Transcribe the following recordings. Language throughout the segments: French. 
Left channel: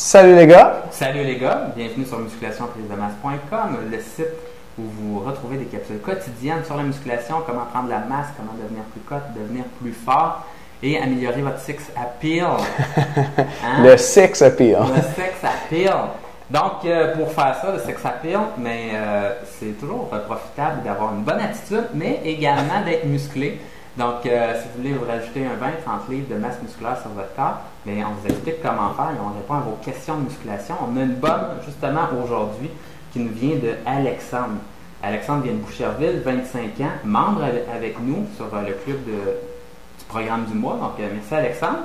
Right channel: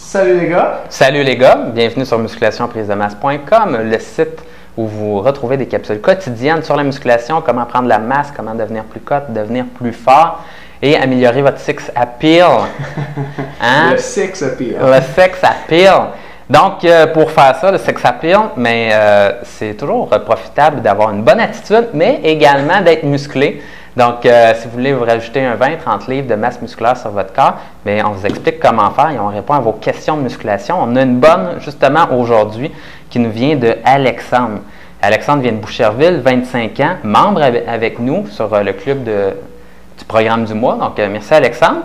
Salut les gars! Salut les gars, bienvenue sur musculationprisemasse.com, le site où vous retrouvez des capsules quotidiennes sur la musculation, comment prendre la masse, comment devenir plus cut, devenir plus fort et améliorer votre six appeal. Hein? Le sex appeal. Le sex appeal. Donc, pour faire ça, le sex appeal, mais c'est toujours profitable d'avoir une bonne attitude, mais également d'être musclé. Donc, si vous voulez vous rajouter un 20-30 livres de masse musculaire sur votre corps, bien, on vous explique comment faire et on répond à vos questions de musculation. On a une bonne, justement, aujourd'hui, qui nous vient de Alexandre. Alexandre vient de Boucherville, 25 ans, membre avec nous sur le club du programme du mois. Donc, merci Alexandre.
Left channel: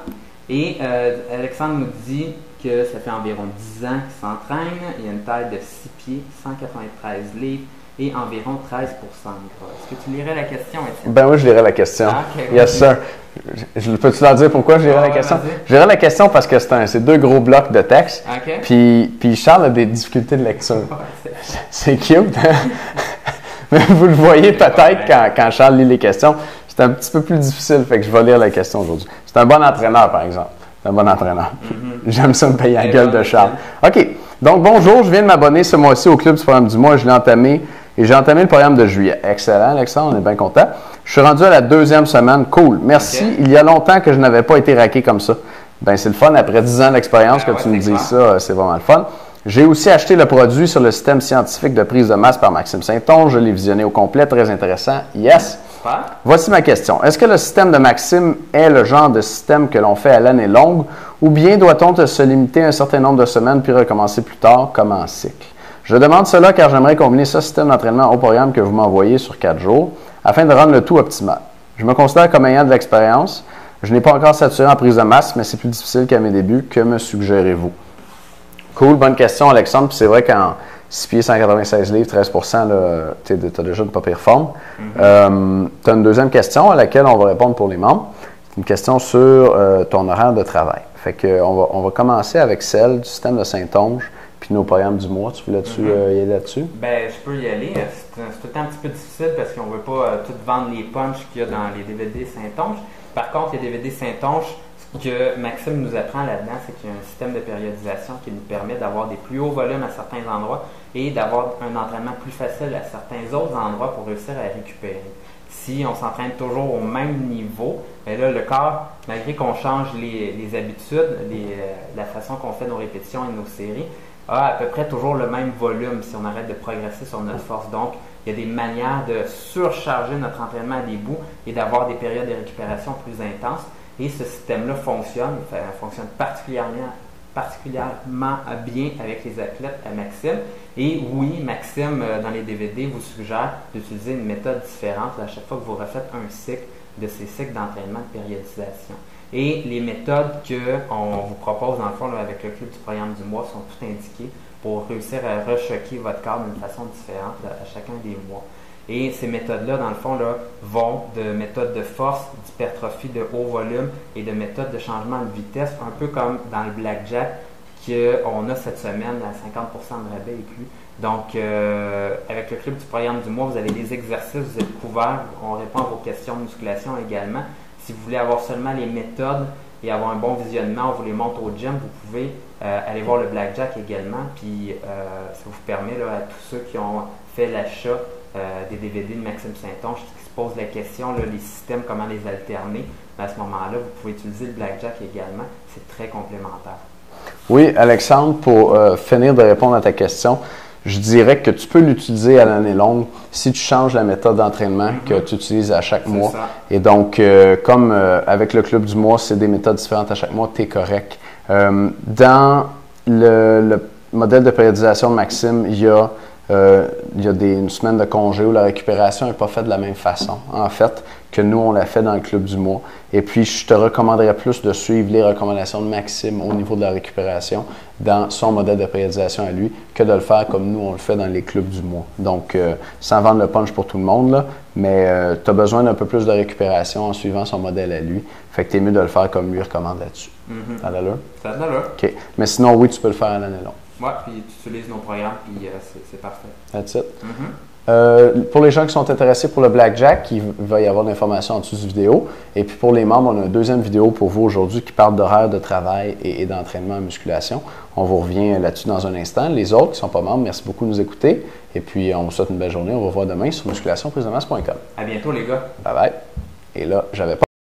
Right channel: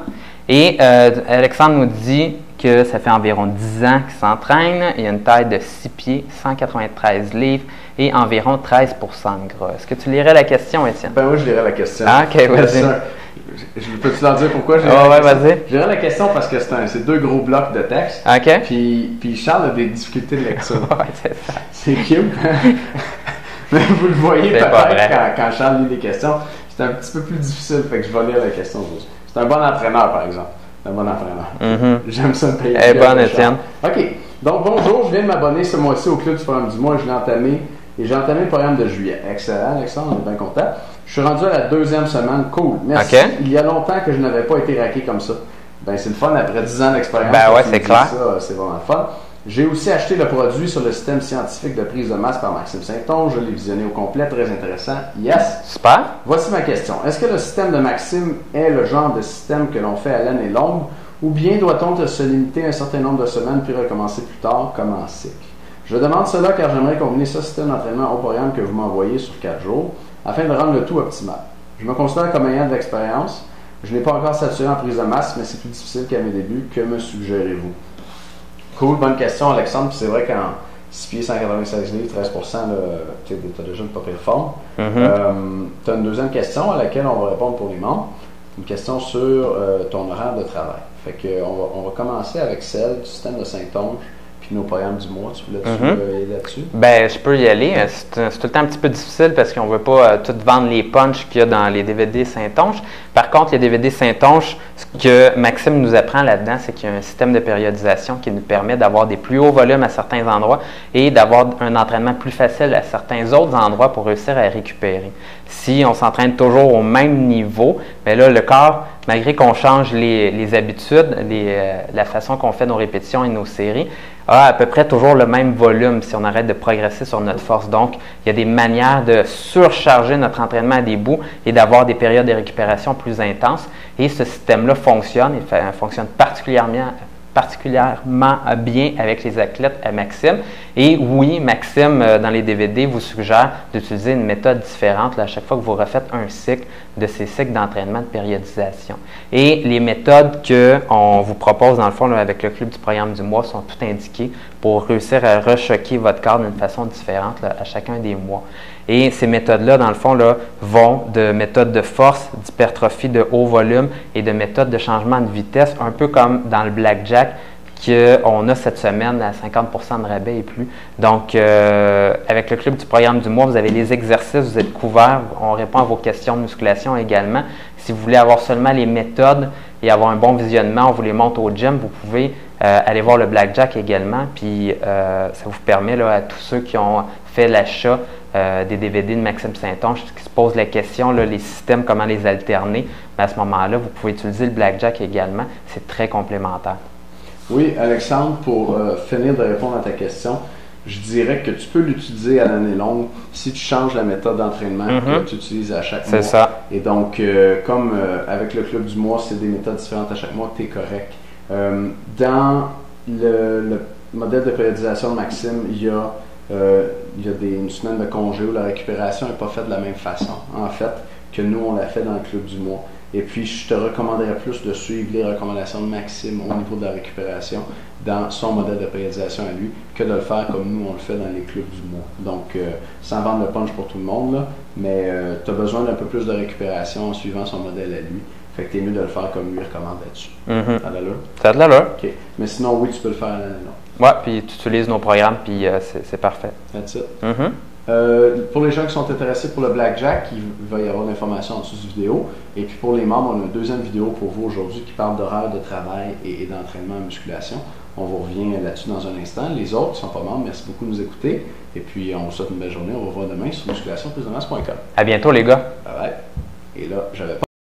Et Alexandre nous dit que ça fait environ 10 ans qu'il s'entraîne. Il a une taille de 6 pieds, 193 livres et environ 13 de gras. Est-ce que tu lirais la question, Étienne? Ben moi, je lirais la question. Ah, OK, vas-y. Peux-tu leur dire pourquoi je lirais la question? Je lirais la question parce que c'est deux gros blocs de texte. OK. Puis Charles a des difficultés de lecture. C'est cute. Mais vous le voyez peut-être quand Charles lit les questions. C'est un petit peu plus difficile, fait que je vais lire la question aujourd'hui. C'est un bon entraîneur, par exemple. C'est un bon entraîneur. J'aime ça me payer la gueule de Charles. OK. Donc, bonjour, je viens de m'abonner ce mois-ci au club du programme du mois. Je l'ai entamé et j'ai entamé le programme de juillet. Excellent, Alexandre, on est bien content. Je suis rendu à la 2e semaine. Cool. Merci. Okay. Il y a longtemps que je n'avais pas été raqué comme ça. Ben, c'est le fun. Après 10 ans d'expérience, quand tu me dis ça, c'est vraiment le fun. J'ai aussi acheté le produit sur le système scientifique de prise de masse par Maxime Saint-Onge. Je l'ai visionné au complet. Très intéressant. Yes. Super. Voici ma question. Est-ce que le système de Maxime est le genre de système que l'on fait à l'année longue ou bien doit-on se limiter à un certain nombre de semaines puis recommencer plus tard comme en cycle? Je demande cela car j'aimerais combiner ce système d'entraînement au programme que vous m'envoyez sur 4 jours afin de rendre le tout optimal. Je me considère comme ayant de l'expérience. Je n'ai pas encore saturé en prise de masse, mais c'est plus difficile qu'à mes débuts. Que me suggérez-vous? Cool, bonne question, Alexandre. Puis c'est vrai qu'en 6 pieds, 196 livres, 13 tu as déjà une pas pire forme. Tu as une deuxième question à laquelle on va répondre pour les membres. Une question sur ton horaire de travail. Fait que on va commencer avec celle du système de Saint-Onge puis nos programmes du mois. Tu veux y aller là-dessus? Bien, je peux y aller. C'est tout le temps un petit peu difficile parce qu'on ne veut pas tout vendre les punchs qu'il y a dans les DVD Saint-Onge. Par contre, les DVD Saint-Onge, ce que Maxime nous apprend là-dedans, c'est qu'il y a un système de périodisation qui nous permet d'avoir des plus hauts volumes à certains endroits et d'avoir un entraînement plus facile à certains autres endroits pour réussir à récupérer. Si on s'entraîne toujours au même niveau, bien là, le corps, malgré qu'on change les habitudes, la façon qu'on fait nos répétitions et nos séries, a à peu près toujours le même volume si on arrête de progresser sur notre force. Donc, il y a des manières de surcharger notre entraînement à des bouts et d'avoir des périodes de récupération plus intenses. Et ce système-là fonctionne et fonctionne particulièrement bien avec les athlètes à Maxime. Et oui, Maxime, dans les DVD, vous suggère d'utiliser une méthode différente là, à chaque fois que vous refaites un cycle de ces cycles d'entraînement de périodisation. Et les méthodes qu'on vous propose, dans le fond, là, avec le club du programme du mois, sont toutes indiquées pour réussir à rechoquer votre corps d'une façon différente là, à chacun des mois. Et ces méthodes-là, dans le fond, là, vont de méthodes de force, d'hypertrophie de haut volume et de méthodes de changement de vitesse, un peu comme dans le blackjack qu'on a cette semaine à 50 de rabais et plus. Donc, avec le club du programme du mois, vous avez les exercices, vous êtes couverts, on répond à vos questions de musculation également. Si vous voulez avoir seulement les méthodes et avoir un bon visionnement, on vous les montre au gym, vous pouvez aller voir le blackjack également, puis ça vous permet là, à tous ceux qui ont fait l'achat des DVD de Maxime Saint-Onge, qui se posent la question, là, les systèmes, comment les alterner, mais à ce moment-là, vous pouvez utiliser le blackjack également, c'est très complémentaire. Oui, Alexandre, pour finir de répondre à ta question, je dirais que tu peux l'utiliser à l'année longue si tu changes la méthode d'entraînement que tu utilises à chaque mois. C'est ça. Et donc, comme avec le club du mois, c'est des méthodes différentes à chaque mois, tu es correct. Dans le modèle de périodisation de Maxime, il y a une semaine de congé où la récupération n'est pas faite de la même façon, en fait, que nous, on l'a fait dans le club du mois. Et puis, je te recommanderais plus de suivre les recommandations de Maxime au niveau de la récupération dans son modèle de périodisation à lui que de le faire comme nous, on le fait dans les clubs du mois. Donc, sans vendre le punch pour tout le monde, là, mais tu as besoin d'un peu plus de récupération en suivant son modèle à lui. Fait que tu es mieux de le faire comme lui recommande là-dessus. Ça a de l'allure? Ça a de l'allure. OK. Mais sinon, oui, tu peux le faire à l'année longue. Oui, puis tu utilises nos programmes, puis c'est parfait. That's it. Pour les gens qui sont intéressés pour le blackjack, il va y avoir de l'information en dessous de vidéo. Et puis pour les membres, on a une deuxième vidéo pour vous aujourd'hui qui parle d'horaire de travail et d'entraînement en musculation. On vous revient là-dessus dans un instant. Les autres qui ne sont pas membres, merci beaucoup de nous écouter. Et puis on vous souhaite une belle journée. On vous revoit demain sur musculationprisonnas.com. À bientôt les gars. Bye bye. Et là, j'avais pas